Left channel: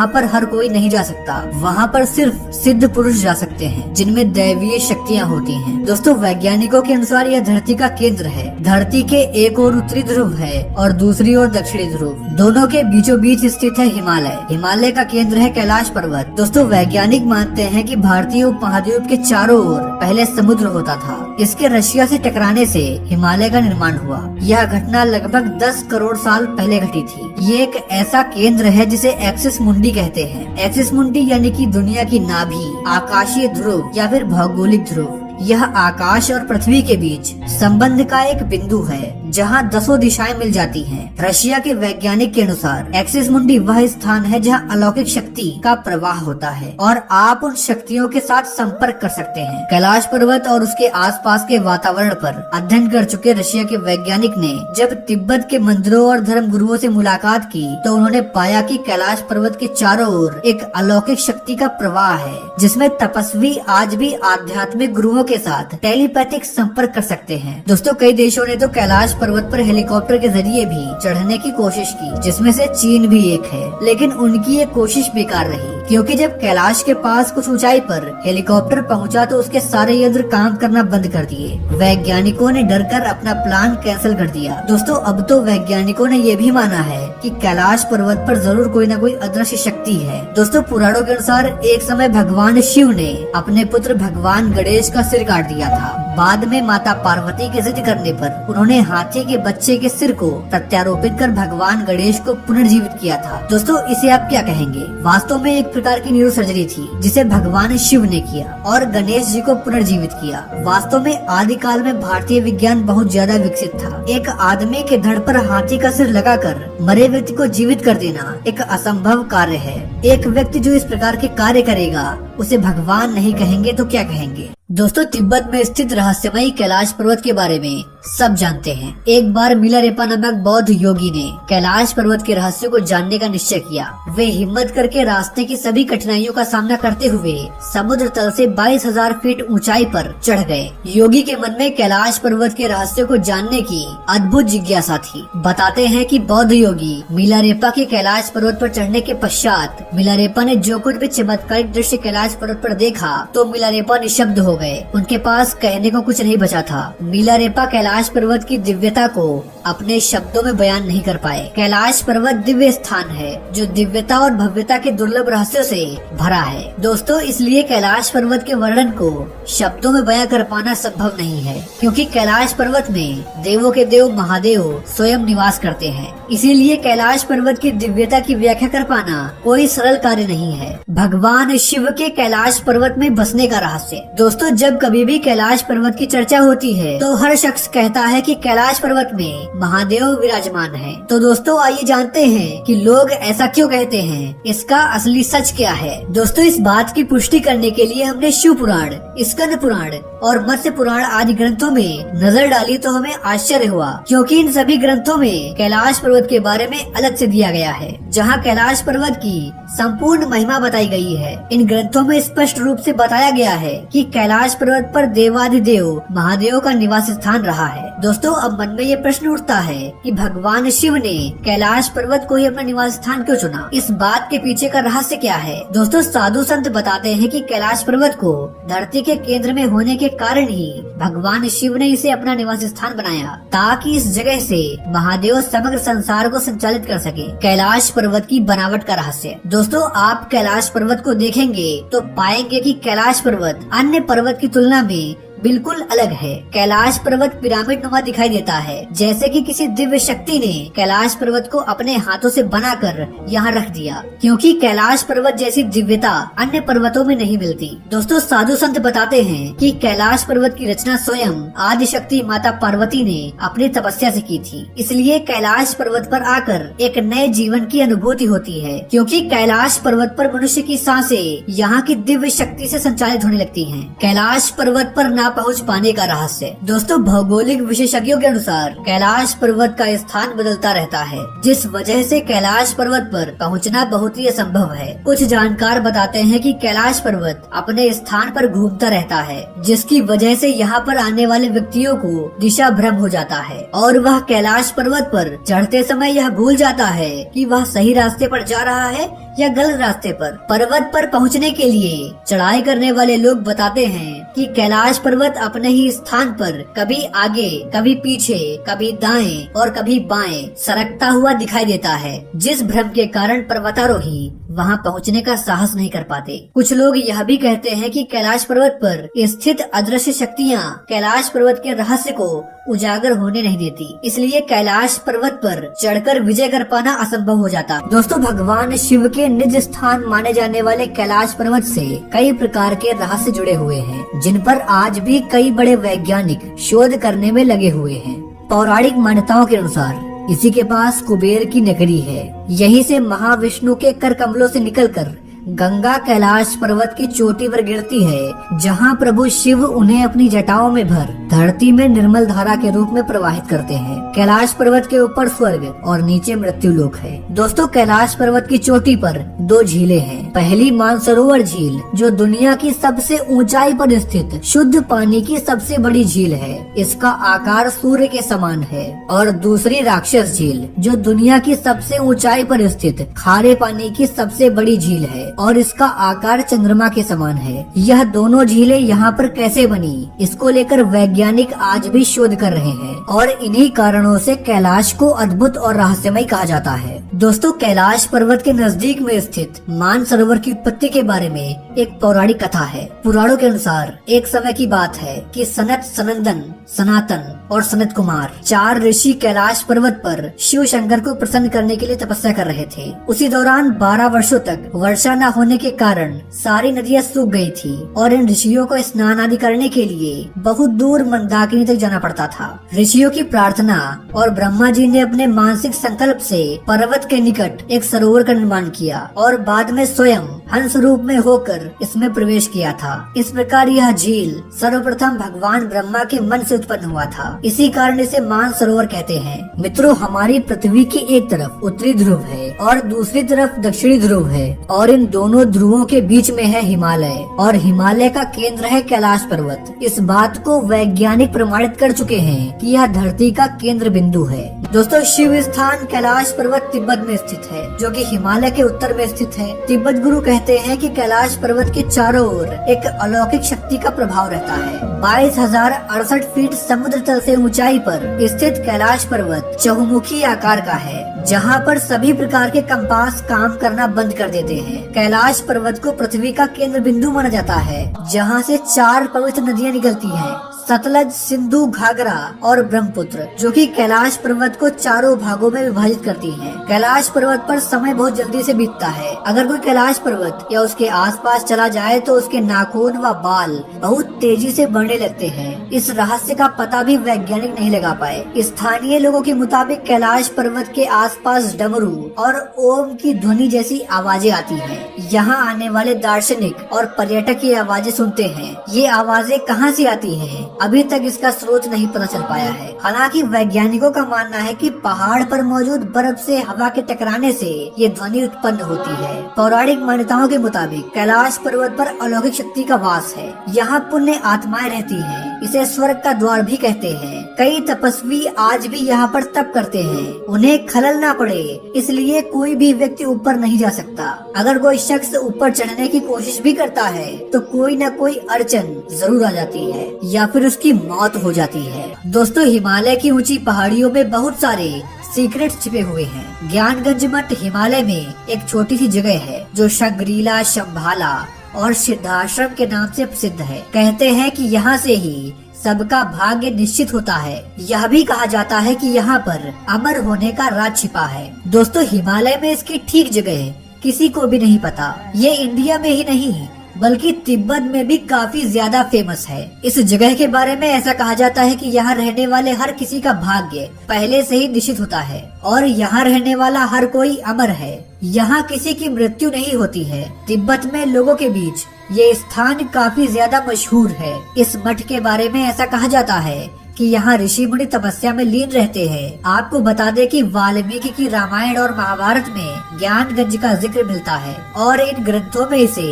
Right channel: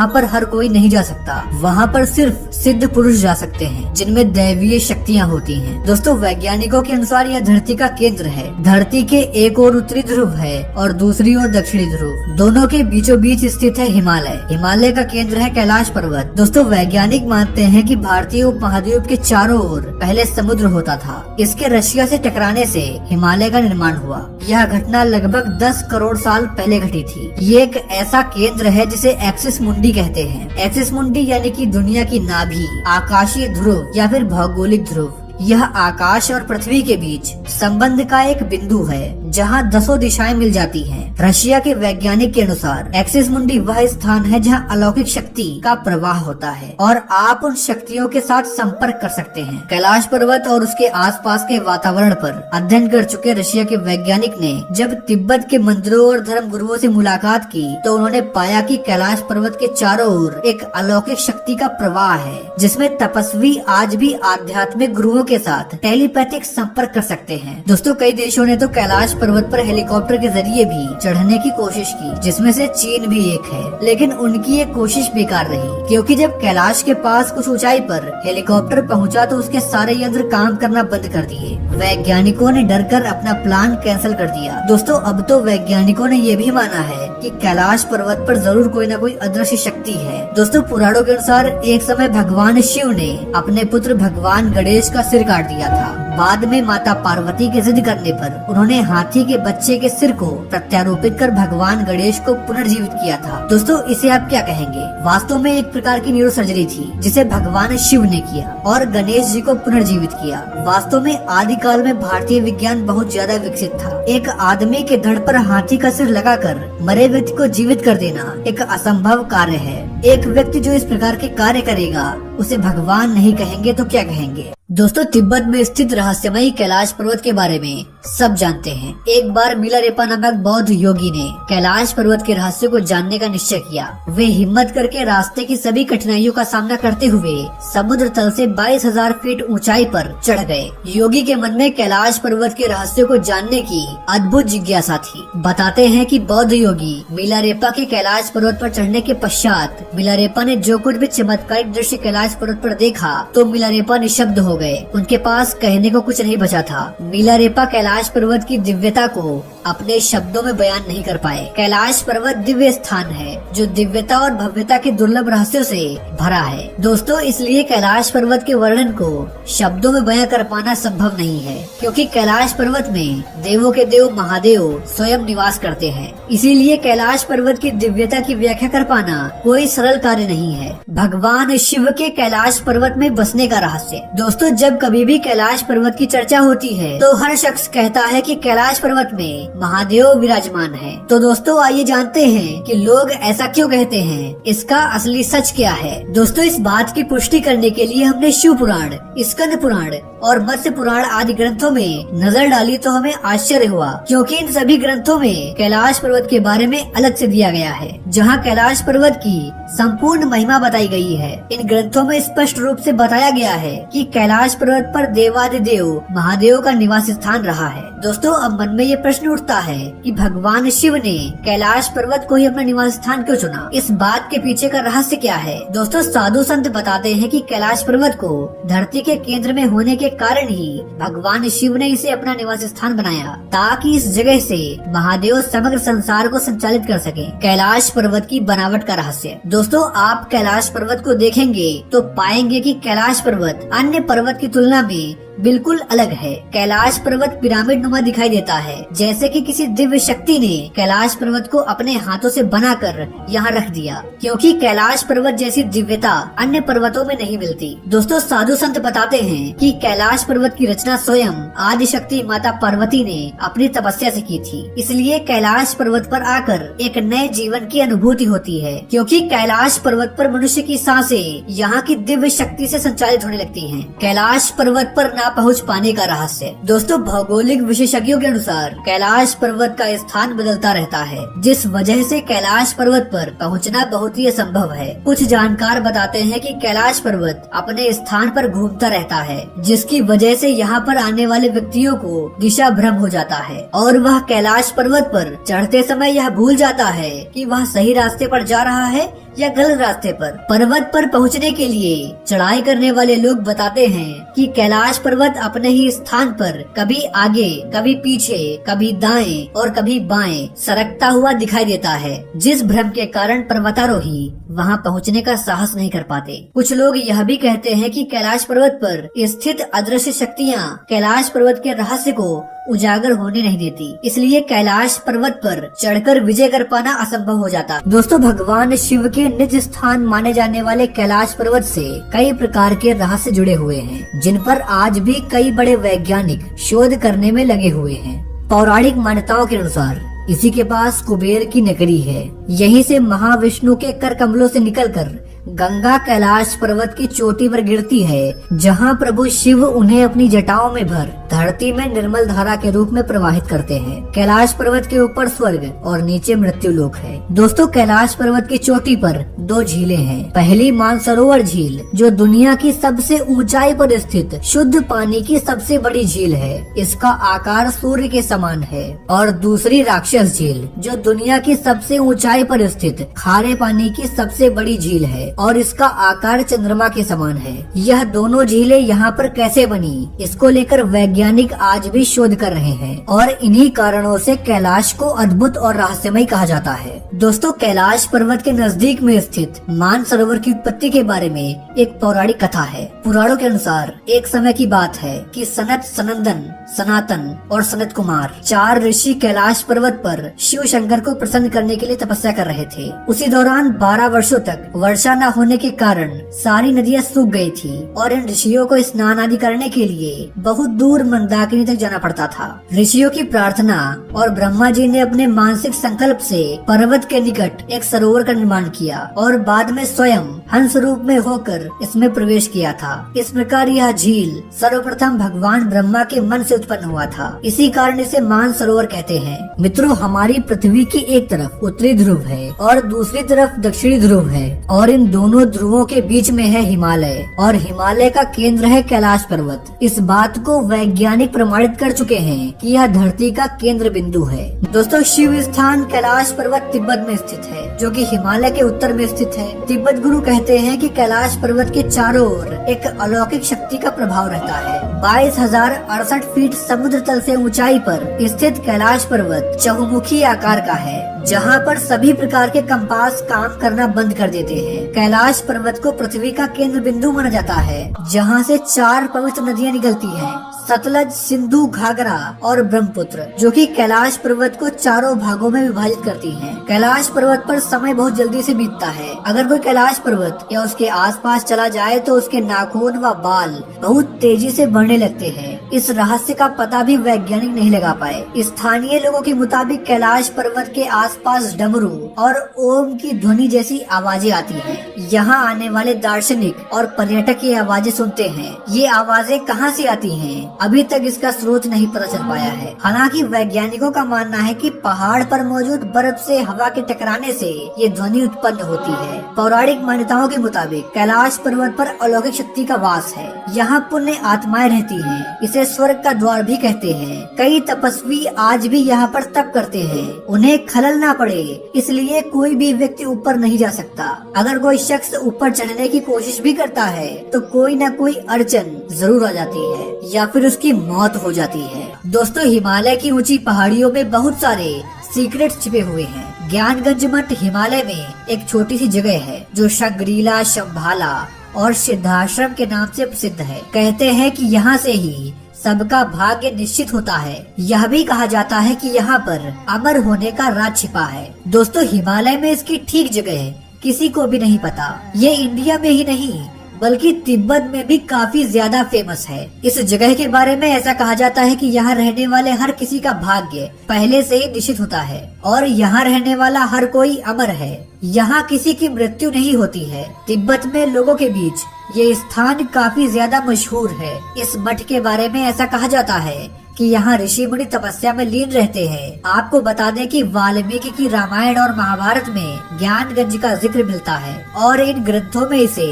जहाँ पर हर कोई नहीं जा सकता। वहाँ पर सिर्फ सिद्ध पुरुष जा सकते हैं जिनमें दैवीय शक्तियाँ होती हैं। दोस्तों, वैज्ञानिकों के अनुसार यह धरती का केंद्र है। धरती के एक ओर उत्तरी ध्रुव है और दूसरी ओर दक्षिणी ध्रुव। दोनों के बीचों बीच स्थित है हिमालय। हिमालय का केंद्र है कैलाश पर्वत। दोस्तों, वैज्ञानिक मानते हैं कि भारतीय उपमहाद्वीप के चारों ओर पहले समुद्र होता था। इसके रशिया से टकराने से हिमालय का निर्माण हुआ। यह घटना लगभग 10 करोड़ साल पहले घटी थी। ये एक ऐसा केंद्र है जिसे एक्सिस मुंडी कहते हैं। एक्सिस मुंडी यानी कि दुनिया की नाभि, आकाशीय ध्रुव या फिर भौगोलिक ध्रुव। यह आकाश और पृथ्वी के बीच संबंध का एक बिंदु है जहाँ 10 दिशाएं मिल जाती हैं। रशिया के वैज्ञानिक के अनुसार एक्सिस मुंडी वह स्थान है जहाँ अलौकिक शक्ति का प्रवाह होता है और आप उन शक्तियों के साथ संपर्क कर सकते हैं। कैलाश पर्वत और उसके आसपास के वातावरण पर अध्ययन कर चुके रशिया के वैज्ञानिक ने जब तिब्बत के मंदिरों और धर्म गुरुओं से मुलाकात की तो उन्होंने पाया कि कैलाश पर्वत के चारों ओर एक अलौकिक शक्ति का प्रवाह है जिसमें तपस्वी आज भी आध्यात्मिक गुरुओं के साथ टेलीपैथिक संपर्क कर सकते हैं। दोस्तों, कई देशों ने तो कैलाश पर्वत पर हेलीकॉप्टर के जरिए भी चढ़ने की कोशिश की, जिसमें से चीन भी एक है। लेकिन उनकी ये कोशिश बेकार रही, क्योंकि जब कैलाश के पास कुछ ऊंचाई पर हेलीकॉप्टर पहुंचा तो उसके सारे यंत्र काम करना बंद कर दिए। वैज्ञानिकों ने डरकर अपना प्लान कैंसिल कर दिया। दोस्तों, अब तो वैज्ञानिकों ने ये भी माना है कि कैलाश पर्वत पर जरूर कोई न कोई अदृश्य शक्ति है। दोस्तों, पुराणों के अनुसार एक समय भगवान शिव ने अपने पुत्र भगवान गणेश का सिर काट दिया था। बाद में माता पार्वती के जिद करने पर उन्होंने हाथी के बच्चे के सिर को प्रत्यारोपित कर भगवान गणेश को पुनर्जीवित किया था। दोस्तों, इसे आप क्या कहेंगे? वास्तव में एक प्रकार की न्यूरो सर्जरी थी जिसे भगवान शिव ने किया और गणेश जी को पुनर्जीवित किया। वास्तव में आदिकाल में भारतीय विज्ञान बहुत ज्यादा विकसित था। एक आदमी के धड़ पर हाथी का सिर लगाकर मरे व्यक्ति को जीवित कर देना एक असंभव कार्य है। एक व्यक्ति जो इस प्रकार के कार्य करेगा उसे भगवान नहीं कहेंगे तो क्या कहेंगे? दोस्तों, तिब्बत में स्थित रहस्यमयी कैलाश पर्वत के बारे में सब जानते हैं। एक बार मिलारेपा नामक बौद्ध योगी ने कैलाश पर्वत के रहस्य को जानने का निश्चय किया। वे हिम्मत करके रास्ते की सभी कठिनाइयों का सामना करते हुए समुद्र तल से 22,000 फीट ऊंचाई पर चढ़ गए। योगी के मन में कैलाश पर्वत के रहस्य को जानने की अद्भुत जिज्ञासा थी। बताते हैं कि बौद्ध योगी मिलारेपा के कैलाश पर्वत पर चढ़ने के पश्चात मिलारेपा ने जो कुछ भी चमत्कारिक दृश्य कैलाश पर्वत पर देखा तो मिलारेपा निशब्द हो गए। उनके पास कहने को कुछ नहीं बचा था। मिलारेपा कैलाश पर्वत की दिव्यता को अपने शब्दों में बयान नहीं कर पाए। कैलाश पर्वत दिव्य स्थान है जो दिव्यता और भव्यता के दुर्लभ रहस्यों से भरा है। दोस्तों, इसलिए कैलाश पर्वत के वर्णन को शब्दों में बयां कर पाना संभव नहीं है, क्योंकि कैलाश पर्वत में देवों के देव महादेव स्वयं निवास करते हैं। इसीलिए कैलाश पर्वत की दिव्यता की व्याख्या कर पाना कोई सरल कार्य नहीं है। भगवान शिव के कैलाश पर्वत में बसने का रहस्य। दोस्तों, जब कभी भी कैलाश पर्वत की चर्चा होती है तो हर शख्स कहता है कि कैलाश पर्वत में महादेव विराजमान है। तो दोस्तों, आइए जानते हैं कि लोग ऐसा क्यों कहते हैं, इसका असली सच क्या है। दोस्तों, इस बात की पुष्टि करने के लिए हमने शिव पुराण, स्कंद पुराण और मत्स्य पुराण आदि ग्रंथों में नजर डाली तो हमें आश्चर्य हुआ, क्योंकि इन सभी ग्रंथों में कैलाश पर्वत के बारे में अलग से दिया गया है, जहाँ कैलाश पर्वत की संपूर्ण महिमा बताई गई है। इन ग्रंथों में स्पष्ट रूप से बताया गया है कि कैलाश पर्वत पर देवादिदेव महादेव का निवास स्थान रहा है। दोस्तों, अब मन में ये प्रश्न उठता है कि भगवान शिव ने कैलाश पर्वत को ही अपना निवास स्थान क्यों चुना? इस बात के पीछे का रहस्य क्या है? दोस्तों, साधु संत बताते हैं कि कैलाश पर्वत को धरती के केंद्र में होने के कारण ही भगवान शिव ने इसे अपना निवास स्थान बनाया, ताकि इस जगह से महादेव समग्र संसार को संचालित कर सके। कैलाश पर्वत की बनावट का रहस्य। दोस्तों, आप कैलाश पर्वत को देखेंगे तो पाएंगे कि कैलाश पर्वत अन्य पर्वत की तुलना में बिल्कुल अलग है। कैलाश पर्वत पिरामिड नुमा दिखाई देता है, जैसे कि किसी दिव्य शक्ति ने कैलाश पर्वत को अपने हाथों से बनाकर यहाँ रख दिया, क्योंकि कैलाश पर्वत जैसी दिव्यता अन्य पर्वतों में नहीं मिलती। दोस्तों, साधु संत बताते हैं कि कैलाश पर्वत की रचना स्वयं आदि शक्ति माता पार्वती ने अपनी तपस्या से की थी। इसलिए कैलाश पर्वत पर आकर एक नए जीवन की अनुभूति होती है, क्योंकि कैलाश पर्वत पर मनुष्य की सांसें यहाँ की दिव्य शक्ति से संचालित होने लगती हैं। कैलाश पर्वत पर ना पहुंच पाने का रहस्य। दोस्तों, भौगोलिक विशेषज्ञों के अनुसार कैलाश पर्वत का स्थान बदलता रहता है, जिस वजह से कैलाश पर्वत पर पहुंचना बहुत ही असंभव है। कुछ जानकार बताते हैं कि कैलाश पर्वत अपने स्थान पर घूमता रहता है, जिसकी वजह से यहाँ पर आने वाले व्यक्तियों को दिशा भ्रम हो जाता है और वह कैलाश पर्वत पर चढ़ते समय यह भूल जाता है कि वह सही रास्ते पर जा रहा है या गलत रास्ते पर। पर्वत पर पहुंचने के लिए चढ़ाई करने वाले लोग बताते हैं कि कैलाश पर्वत अपने ही स्थान पर कभी आगे, कभी पीछे, कभी दाएं और कभी बाएं सरकता हुआ दिखाई देता है, जिस भ्रम के कारण पर्वतारोही वहां पहुंचने का साहस नहीं कर पाते। कुछ लोग यह भी कहते हैं कि कैलाश पर्वत पर स्थित अदृश्य शक्तियां कैलाश पर्वत के रहस्य को उजागर होने नहीं देती, इसलिए कैलाश पर्वत पर चढ़कर विजय कर पाना असंभव हो जाता। दोस्तों, भगवान शिव के निज स्थान माने जाने वाले कैलाश पर्वत से कई प्रकार के रहस्य जुड़े हुए हैं, जिन पर आज भी कई बड़े वैज्ञानिक शोध करने में लगे हुए हैं। पौराणिक मान्यताओं के अनुसार इसी के पास कुबेर की नगरी है। यहीं से महाविष्णु के कर कमलों से निकलकर गंगा कैलाश पर्वत की चोटी पर गिरती है, जहां प्रभु शिव उन्हें अपनी जटाओं में भर धरती में निर्मल धारा के रूप में प्रवाहित करते हैं। कैलाश पर्वत के ऊपर स्वर्ग और नीचे मृत्यु लोक है। दोस्तों, कैलाश पर्वत की चोटी पर 2 झीलें हैं। पहली मानसरोवर झील, जो दुनिया की सबसे ऊंचाई पर स्थित शुद्ध पानी की सबसे बड़ी झील है। इसका आकार सूर्य के समान है। और दूसरी राक्षस झील, जो दुनिया की सबसे ऊंचाई पर स्थित खारे पानी की सबसे बड़ी झील है और इसका आकार चंद्रमा के समान है। यह दोनों झीलें यहाँ पर कैसे बनी, इसको लेकर वैज्ञानिक आज भी शोध कर रहे हैं और इन्हीं कारणों से कैलाश को अद्भुत और रहस्यमय कहा जाता है। दोस्तों, कैलाश पर्वत के नजदीक में स्थित मानसरोवर की उत्पत्ति के बारे में एक पौराणिक कथा है। पुराणों के अनुसार एक समय की बात है कि सनत, सनंदन, सनातन और सनत कुमार 4 ऋषि कैलाश पर्वत पर शिव शंकर को प्रसन्न करने के लिए तपस्या कर रहे थे। उसी दौरान 12 वर्षों तक वर्षा न होने के कारण सारी नदियां सूख गई थी और इन ऋषियों को स्नान आदि करने के लिए बहुत दूर मंदाकिनी तक जाना पड़ता था। ऋषियों की प्रार्थना और ब्रह्मा जी ने अपने मानसिक संकल्प से पर्वत के निकट एक सरोवर का निर्माण किया और बाद में स्वयं हंस रूप में होकर इसमें प्रवेश किया था। इस प्रकार यह झील सर्वप्रथम भगवान ब्रह्मा के मन से उत्पन्न हुआ था। इसी कारण इसे मानसरोवर कहते हैं। मित्रों, हमारी पृथ्वी की एक तरफ उत्तरी ध्रुव है और दूसरी तरफ दक्षिणी ध्रुव है और इन दोनों ध्रुवों के बीच में है हिमालय और हिमालय का केंद्र है कैलाश पर्वत। इस बात को वैज्ञानिक प्रमाणित कर चुके हैं कि यह धरती का केंद्र बिंदु है। दोस्तों, शिव स्थान कैलाश पर्वत तिब्बत में स्थित है, जो कि हिमालय के उत्तर में स्थित है। तिब्बत गुरु कहते हैं कि कैलाश पर्वत के चारों ओर एक अलौकिक शक्ति का प्रभाव रहता है। 22,068 फीट समुद्र तल से ऊंचाई पर स्थित कैलाश पर्वत चहुमुखी आकार का है, जहाँ पर सभी प्रकार के कंपास काम करना बंद कर देते हैं। कैलाश पर्वत को पृथ्वी का केंद्र बिंदु माना जाता है, जहाँ से 4 पवित्र नदियाँ निकलती हैं, सतलज, सिंधु, घाघरा और ब्रह्मपुत्र, जो कि कैलाश पर्वत को चारों भागों में विभाजित करती हैं। कैलाश पर्वत पर समय बहुत जल्दी से बीतता है। अगर कोई कैलाश पर्वत या उसके आसपास चला जाए तो उसके नाखून व बाल बहुत तेजी से बढ़ने लगते हैं। इस रहस्य का पता भी वैज्ञानिक नहीं लगा पाए। स्थानीय लोगों के मुताबिक कैलाश पर्वत के आसपास डमरू और ओम की ध्वनि जैसी आवाजें आती हैं। यहाँ आने वाले दार्शनिक और पर्यटक ये आवाजें सुनते हैं। ये आवाजें कहाँ से आती हैं, अभी तक इसका स्रोत नहीं पता चल पाया है। हालांकि वैज्ञानिकों का मानना है कि पहाड़ पर मौजूद बर्फ से हवा के टकराने से ये ध्वनि उत्पन्न होती है। पौराणिक मान्यताओं के मुताबिक कैलाश पर्वत पर अलौकिक शक्ति का वास है। यहाँ पुण्य आत्माएं रहती हैं। इसे स्वर्ग का द्वार भी कहते हैं। कई तपस्वी आज भी यहाँ पर तप करते हैं। उन्हें खलल ना पड़े, इसलिए कोई भी व्यक्ति ऊपर नहीं जा सकता। अगर कोई शख्स ऊपर चढ़ने की कोशिश भी करता है तो कोई न कोई अड़चन जरूर आ जाती है या फिर उसकी मौत हो जाती है। दोस्तों, हिमालय की ऊंची पहाड़ियों में बहुत सारे सीक्रेट छिपे हुए हैं। ज्ञानगंज मठ हिमालय में एक छोटी सी जगह है जो शगरीला, शंभाला और सिद्धाश्रम के नाम से प्रसिद्ध है। कहते हैं कि यहाँ से ही सबका भाग्य निश्चित होता है। यह भी कहा जाता है कि यहाँ पर अमर होने का राज छिपा है। दोस्तों, हिमालय में इसकी ठीक जगह किसी को भी नहीं पता। ये इंडिया में ही नहीं बल्कि तिब्बत में भी काफी ज्यादा फेमस है। इस जगह के बारे में ऐसा कहा जाता है कि यहाँ रहने वाले हर किसी का भाग्य पहले से ही निश्चित होता है और यहाँ रहने वाला हर कोई अमर है। यहाँ किसी की मृत्यु नहीं होती है। तिब्बत में लोगों के बीच ये स्थान काफी ज्यादा मशहूर है। इस मठ के बारे में ऐसा कहा जाता है कि यहाँ ऋषि मुनि तपस्या में लीन रहते हैं। आपको बता दें कि वाल्मीकि की रामायण और महाभारत में ज्ञानगंज का जिक्र मिलता है और इन ग्रंथों में इसे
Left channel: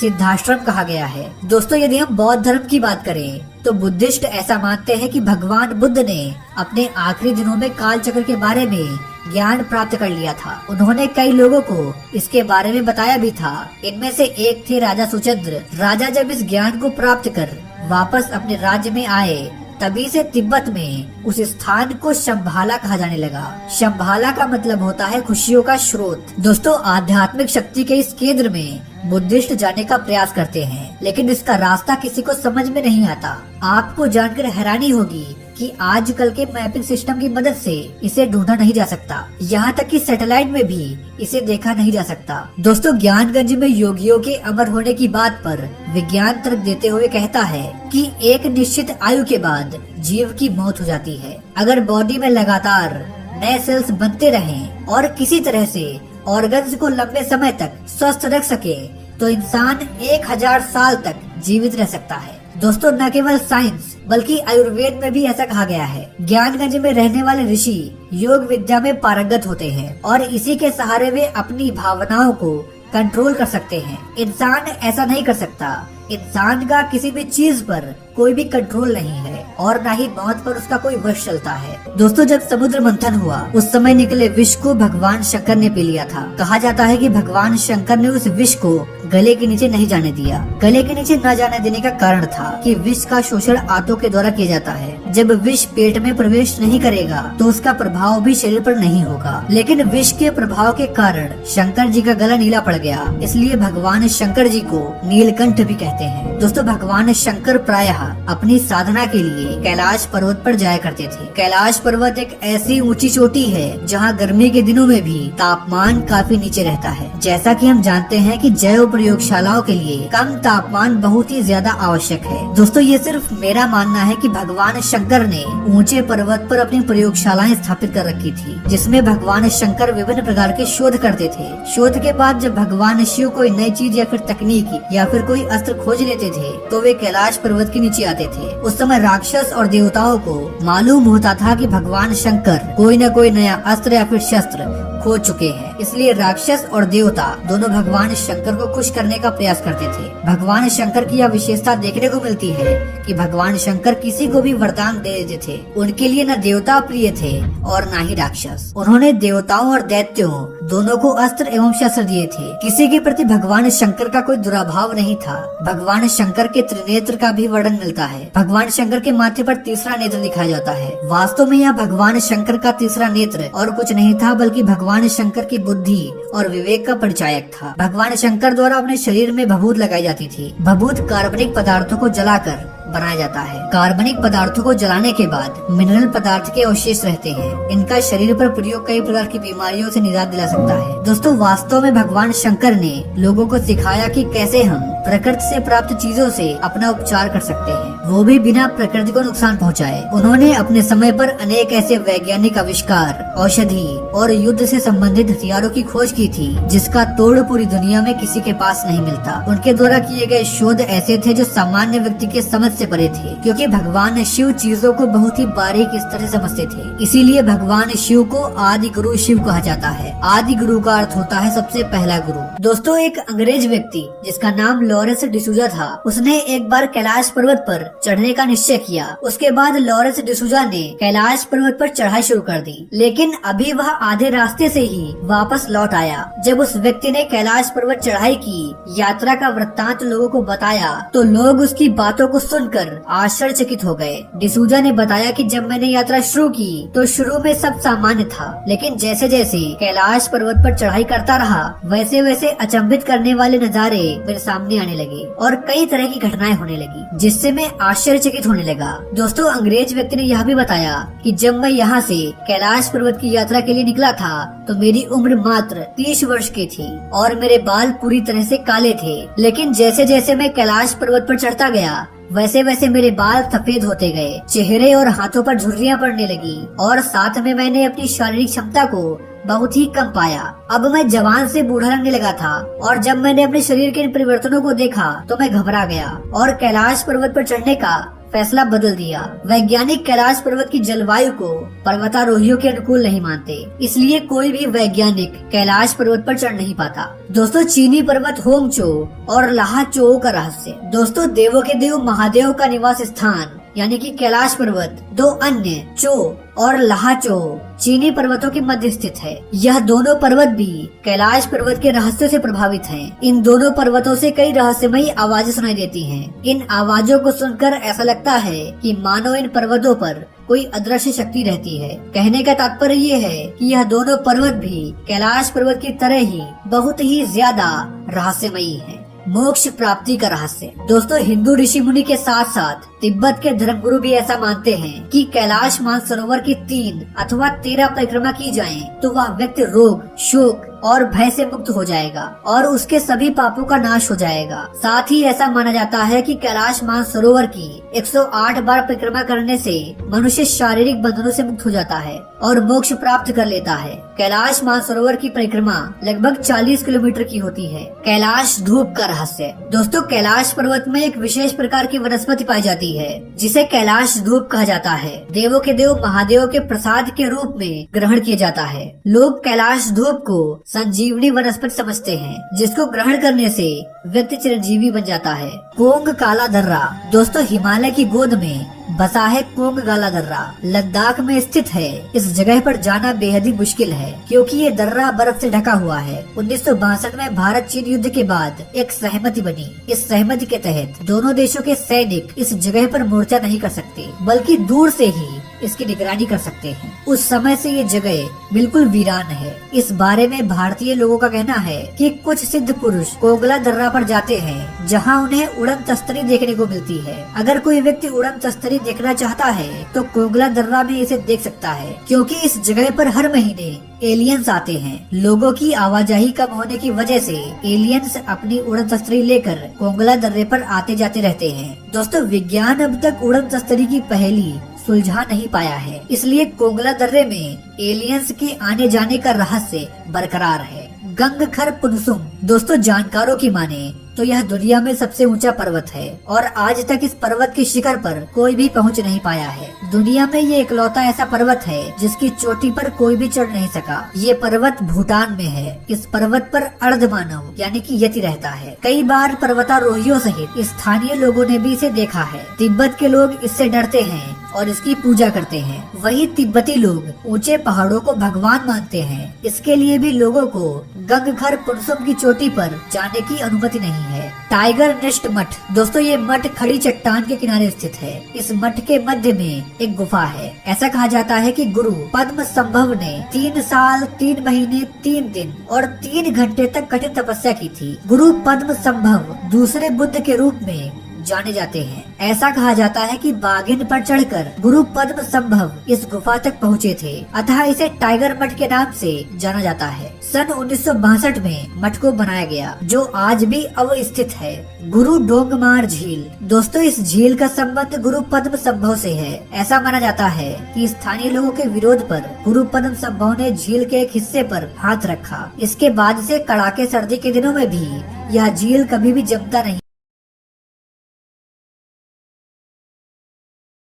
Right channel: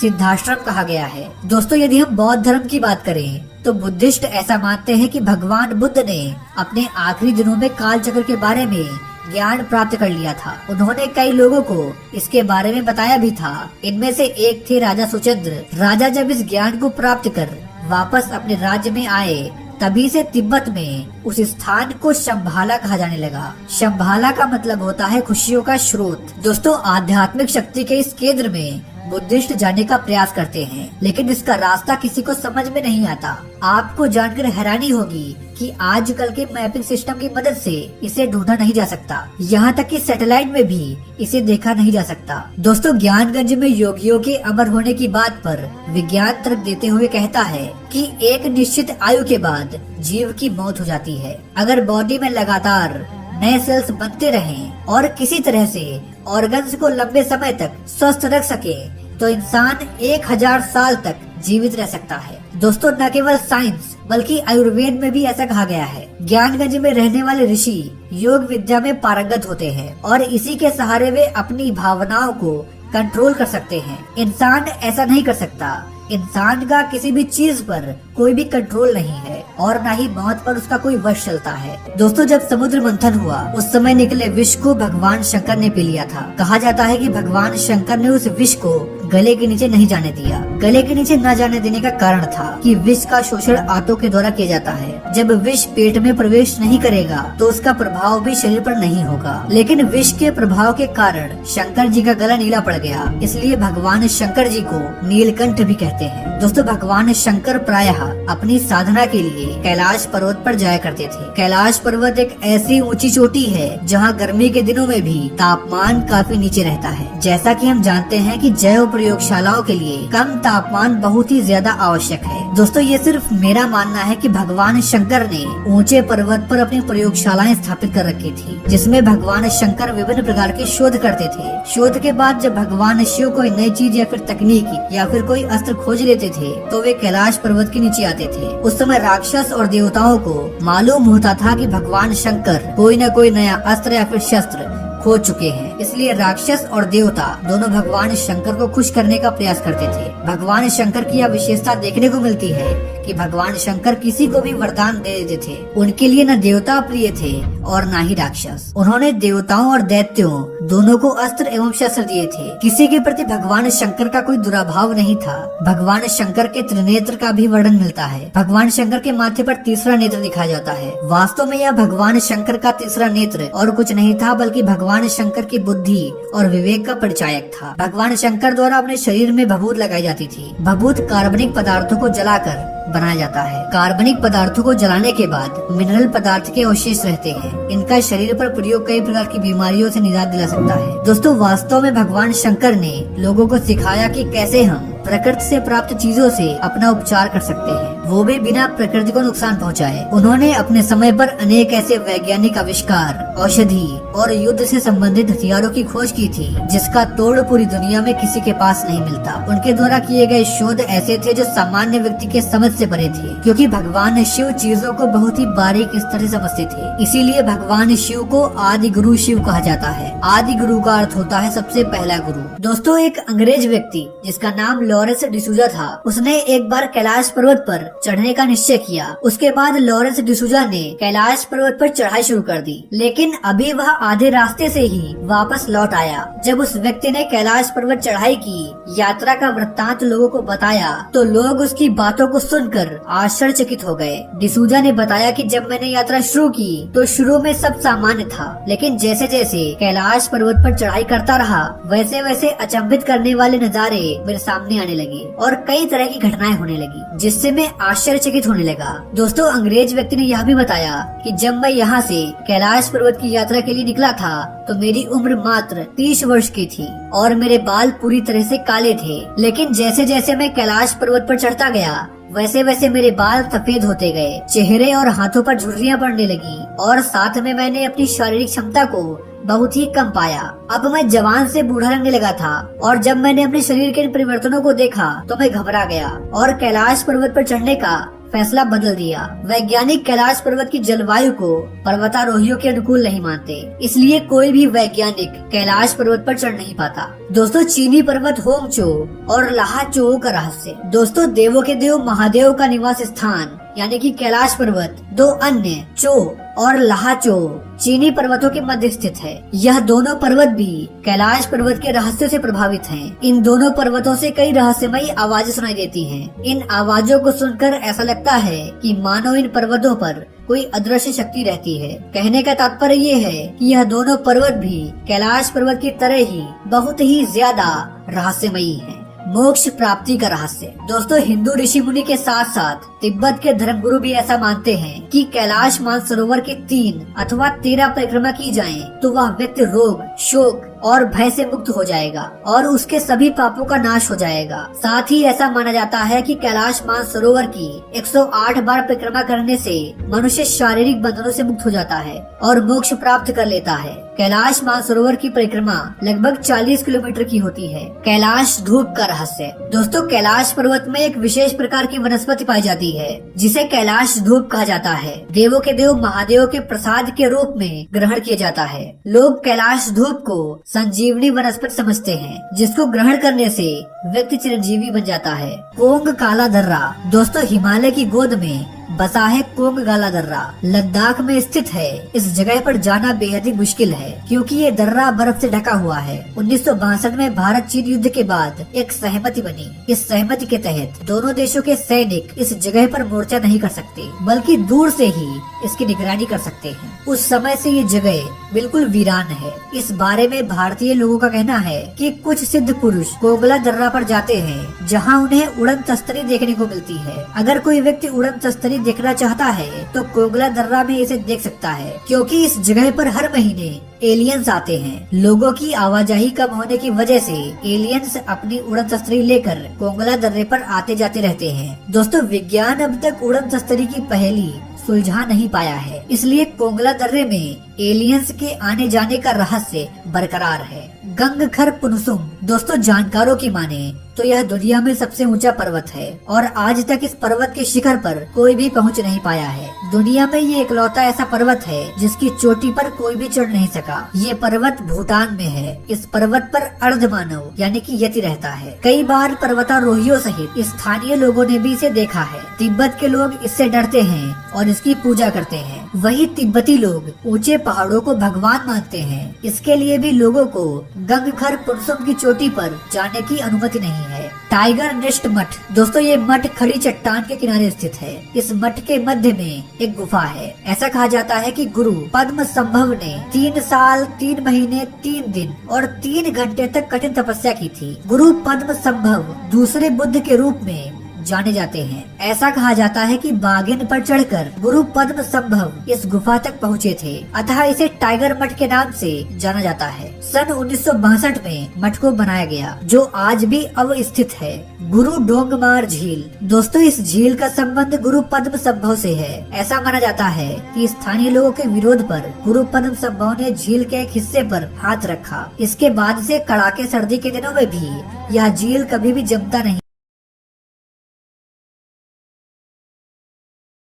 सिद्धाश्रम कहा गया है। दोस्तों, यदि हम बौद्ध धर्म की बात करें तो बुद्धिस्ट ऐसा मानते हैं कि भगवान बुद्ध ने अपने आखिरी दिनों में काल चक्र के बारे में ज्ञान प्राप्त कर लिया था। उन्होंने कई लोगों को इसके बारे में बताया भी था। इनमें से एक थे राजा सुचंद्र। राजा जब इस ज्ञान को प्राप्त कर वापस अपने राज्य में आए, तभी से तिब्बत में उस स्थान को शंभाला कहा जाने लगा। शंभाला का मतलब होता है खुशियों का स्रोत। दोस्तों, आध्यात्मिक शक्ति के इस केंद्र में बुद्धिस्ट जाने का प्रयास करते हैं, लेकिन इसका रास्ता किसी को समझ में नहीं आता। आपको जानकर हैरानी होगी कि आजकल के मैपिंग सिस्टम की मदद से इसे ढूंढा नहीं जा सकता। यहाँ तक कि सैटेलाइट में भी इसे देखा नहीं जा सकता। दोस्तों, ज्ञानगंज में योगियों के अमर होने की बात पर विज्ञान तर्क देते हुए कहता है कि एक निश्चित आयु के बाद जीव की मौत हो जाती है। अगर बॉडी में लगातार नए सेल्स बनते रहें और किसी तरह से ऑर्गन्स को लंबे समय तक स्वस्थ रख सके, तो इंसान 1000 साल तक जीवित रह सकता है। दोस्तों, न केवल साइंस बल्कि आयुर्वेद में भी ऐसा कहा गया है। ज्ञानगंज में रहने वाले ऋषि योग विद्या में पारंगत होते हैं और इसी के सहारे वे अपनी भावनाओं को कंट्रोल कर सकते हैं। इंसान ऐसा नहीं कर सकता। इंसान का किसी भी चीज पर कोई भी कंट्रोल नहीं है और न ही मौत पर उसका कोई वश चलता है। दोस्तों, जब समुद्र मंथन हुआ उस समय निकले विष को भगवान शंकर ने पी लिया था। कहा जाता है कि भगवान शंकर ने उस विष को गले के नीचे नहीं जाने दिया। गले के नीचे न जाने देने का कारण था कि विष का शोषण आंतों के द्वारा किया जाता है। जब विष पेट में प्रवेश नहीं करेगा तो उसका प्रभाव भी शरीर पर नहीं होगा। लेकिन विष के प्रभाव के कारण शंकर जी का गला नीला पड़ गया, इसलिए भगवान शंकर जी को नीलकंठ भी कहते हैं। दोस्तों, भगवान शंकर प्रायः अपनी साधना के लिए कैलाश पर्वत पर जाया करते थे। कैलाश पर्वत एक ऐसी ऊंची चोटी है जहां गर्मी के दिनों में भी तापमान काफी नीचे रहता है। जैसा कि हम जानते हैं कि जैव प्रयोगशालाओं के लिए कम तापमान बहुत ही ज्यादा आवश्यक है। दोस्तों, ये सिर्फ मेरा मानना है कि भगवान शंकर ने ऊंचे पर्वत पर अपनी प्रयोगशालाएं स्थापित कर रखी थी, जिसमें भगवान शंकर विभिन्न प्रकार के शोध करते थे। शोध के बाद जब भगवान शिव कोई नई चीज या फिर तकनीक या फिर कोई अस्त्र खोज लेते थे तो वे कैलाश पर्वत के नीचे आते थे। उस समय राक्षस और देवताओं को मालूम होता था कि भगवान शंकर कोई न कोई नया अस्त्र या फिर शस्त्र खो चुके हैं, इसलिए राक्षस और देवता दोनों भगवान शंकर को खुश करने का प्रयास करते थे। भगवान शंकर की यह विशेषता देखने को मिलती है कि भगवान शंकर किसी को भी वरदान दे देते थे। उनके लिए न देवता प्रिय थे और न ही राक्षस। उन्होंने देवताओं और दैत्यों दोनों को अस्त्र एवं शस्त्र दिए थे। किसी के प्रति भगवान शंकर का कोई दुराभाव नहीं था। भगवान शंकर के त्रिनेत्र का भी वर्णन मिलता है। भगवान शंकर के माथे पर तीसरा नेत्र दिखाया जाता है। वास्तव में यह भगवान शंकर का तीसरा नेत्र और कुछ नहीं था बल्कि भगवान शंकर की बुद्धि और विवेक का परिचायक था। भगवान शंकर द्वारा अपने शरीर में भभूत लगाई जाती थी। भभूत कार्बनिक पदार्थों को जलाकर बनाया जाता है। कार्बनिक पदार्थों को जलाने के बाद मिनरल पदार्थ के अवशेष रहते हैं। इनका शरीर पर प्रयोग कई प्रकार की बीमारियों से निजात दिला सकता है। दोस्तों, वास्तव में भगवान शंकर ने लोगों को सिखाया कि कैसे हम प्रकृति से प्राप्त चीजों से अपना उपचार कर सकते हैं, वो भी बिना प्रकृति को नुकसान पहुंचाए। उन्होंने अपने समय पर अनेक ऐसे वैज्ञानिक आविष्कार, औषधि और युद्ध से संबंधित हथियारों की खोज की थी जिसका तोड़ पूरी दुनिया में किसी के पास नहीं मिलता। उनके द्वारा किए गए शोध ऐसे थे जो सामान्य व्यक्ति के समझ से परे थे, क्योंकि भगवान शिव चीजों को बहुत ही बारीक स्तर से समझते थे। इसीलिए भगवान शिव को आदि गुरु शिव कहा जाता है। आदि गुरु का अर्थ होता है सबसे पहला गुरु। दोस्तों, एक अंग्रेज व्यक्ति जिसका नाम लॉरेंस डिसूजा था, उसने एक बार कैलाश पर्वत पर चढ़ने का निश्चय किया। उसके बाद लॉरेंस डिसूजा ने कैलाश पर्वत पर चढ़ाई शुरू कर दी, लेकिन अभी वह आधे रास्ते से ही वापस लौट आया। जब उस व्यक्ति ने कैलाश पर्वत चढ़ाई की यात्रा का वृत्तांत लोगों को बताया तो लोग उसकी बातों को सुनकर आश्चर्यचकित हो गए। डिसूजा ने बताया कि जब मैंने यात्रा शुरू की तो शुरू में सब सामान्य था, लेकिन जैसे जैसे कैलाश पर्वत पर चढ़ाई करता रहा वैसे वैसे अचंभित करने वाले नजारे मेरे सामने आने लगे और कई तरह की घटनाएं होने लगी, जिससे मैं आश्चर्यचकित होने लगा। दोस्तों, अंग्रेज व्यक्ति ने यह भी बताया कि जब मैं यहाँ से कैलाश पर्वत की यात्रा के लिए निकला था तो मेरी उम्र मात्र 30 वर्ष की थी और मेरे बाल पूरी तरह से काले थे, लेकिन जैसे जैसे मैं कैलाश पर्वत पर चढ़ता गया वैसे वैसे मेरे बाल सफेद होते गए, चेहरे और हाथों पर झुर्रियां पड़ने लगी और साथ में मैंने अपनी शारीरिक क्षमता को बहुत ही कम पाया। अब मैं जवान से बूढ़ा लगने लगा था और जब मैंने अपने शरीर के इन परिवर्तनों को देखा तो मैं घबरा गया और कैलाश पर्वत पर चढ़ने का फैसला बदल दिया। वैज्ञानिक कैलाश पर्वत की जलवायु को पर्वतारोहियों के अनुकूल नहीं मानते, इसलिए कोई भी वैज्ञानिक कैलाश पर्वत पर चढ़ नहीं पाता। दोस्तों, चीनी पर्वत होंगचो और लाहाचो का रहस्य। दोस्तों, देवों के देव महादेव का निवास स्थान यानी कि कैलाश पर्वत दो अन्य चो और लाहाचो चीनी पर्वतों के मध्य स्थित है। यह दोनों पर्वत भी कैलाश पर्वत के रहस्यों से प्रभावित हैं। इन दोनों पर्वतों से कई रहस्यमयी आवाजें सुनाई देती हैं। इन आवाजों को सुनकर ऐसा लगता है कि मानो इन पर्वतों पर कोई अदृश्य शक्ति रहती है। कहने का तात्पर्य ये है कि यह दोनों पर्वत भी कैलाश पर्वत की तरह ही बहुत ही ज्यादा रहस्यमयी है। मोक्ष प्राप्ति का रहस्य। दोस्तों, हिंदू ऋषि मुनि के साथ साथ तिब्बत के धर्मगुरु भी ऐसा मानते हैं कि कैलाश मानसरोवर की 3 अथवा 13 परिक्रमा की जाए तो वह व्यक्ति रोग, शोक और भय से मुक्त हो जाएगा और उसके सभी पापों का नाश हो जाएगा। साथ ही ऐसा माना जाता है कि कैलाश मानसरोवर की 108 बार परिक्रमा करने से मनुष्य शारीरिक बंधनों से मुक्त हो जाता है और मोक्ष प्राप्त कर लेता है। कैलाश मानसरोवर की परिक्रमा लगभग 40 किलोमीटर की होती है। कैलाश धूप का रहस्य। दोस्तों, कैलाश पर्वत में एक विशेष प्रकार की वनस्पति पाई जाती है जिसे कैलाश धूप कहा जाता है। देवों के देव महादेव के प्रसाद के रूप में ग्रहण किया जाता है। लोग कैलाश धूप को संजीवनी वनस्पति समझते हैं जिसको ग्रहण करने से व्यक्ति चिरंजीवी बन जाता है। कोंग काला दर्रा। दोस्तों, हिमालय की गोद में बसा है कोंग काला दर्रा। लद्दाख में स्थित है। इस जगह पर जाना बेहद ही मुश्किल है क्योंकि ये दर्रा बर्फ से ढका हुआ है। 1962 में भारत चीन युद्ध के बाद एक सहमति बनी। इस सहमति के तहत दोनों देशों के सैनिक इस जगह पर मोर्चा नहीं कर सकते बल्कि दूर से ही इसकी निगरानी कर सकते हैं। उस समय से ये जगह बिल्कुल वीरान है। इस बारे में भारतीय लोगों का कहना है कि कुछ सिद्ध पुरुष कोंगला दर्रा पर जाते हैं जहां उन्हें उड़न तस्तरी देखने को मिलती है। अगर कोई व्यक्ति उड़न तस्तरी देखना चाहता है तो कोंगला दर्रा में इसे देख सकता है क्योंकि इस जगह पर हर महीने एलियंस आते हैं। लोगों की आवाजाही कम होने की वजह से एलियंस अपनी उड़न तस्तरी लेकर कोंगला दर्रे पर आते जाते रहते हैं। दोस्तों, विज्ञान अब तक उड़न तस्तरी की पहेली सुलझा नहीं पाया है, इसलिए कोंगला दर्रे में एलियंस के आने जाने का रहस्य बरकरार है। गंगखर पुनसुम। दोस्तों, जानकारों की माने तो यह दुनिया में सबसे ऊंचा पर्वत है और आज तक इस पर्वत के शिखर पर कोई भी पहुंच नहीं पाया है। दुनिया में ये इकलौता ऐसा पर्वत है जिसकी चोटी पर कोई भी चढ़ नहीं सका। ये पर्वत भूटान में है। इस पर्वत पर अर्धमानव यानी कि यति रहता है। कई बार पर्वतारोहियों सहित स्थानीय लोगों ने भी इसे देखा है। तिब्बत के लोग इससे डरते हैं और इसकी पूजा करते हैं। वही तिब्बती लोग ऊंचे पहाड़ों को भगवान मानते हैं। इसके लिए भी लोगों को गंगखर पुनसुम की चोटी पर जाने की अनुमति नहीं है। टाइगर नेस्ट मठ। दोस्तों, ये मठ खड़ी चट्टान के किनारे स्थित है। इस मठ के मध्य में एक गुफा है। ऐसा कहा जाता है कि गुरु पद्म संभव ने 3 साल 3 महीने 3 दिन और 3 घंटे तक कठिन तपस्या की थी। गुरु पद्म संभव दूसरे बुद्ध के रूप में जाने जाते हैं। ऐसा कहा जाता है कि बाघिन पर चढ़कर गुरु पद्म संभव इस गुफा तक पहुँचे थे, अतः इसे टाइगर मठ के नाम से जाना जाता है। सन 1962 में मठ को बनाया गया जो आज भी अवस्थित है। गुरु डोंगमार झील। दोस्तों, इस झील का संबंध गुरु पद्म संभव से है। ऐसा माना जाता है कि स्थानीय लोगों के विरोध पर गुरु पद्म संभव ने झील के एक हिस्से पर हाथ रखा। इसके बाद से कड़ाके सर्दी के दिनों में भी यह झील कभी भी जमता नहीं।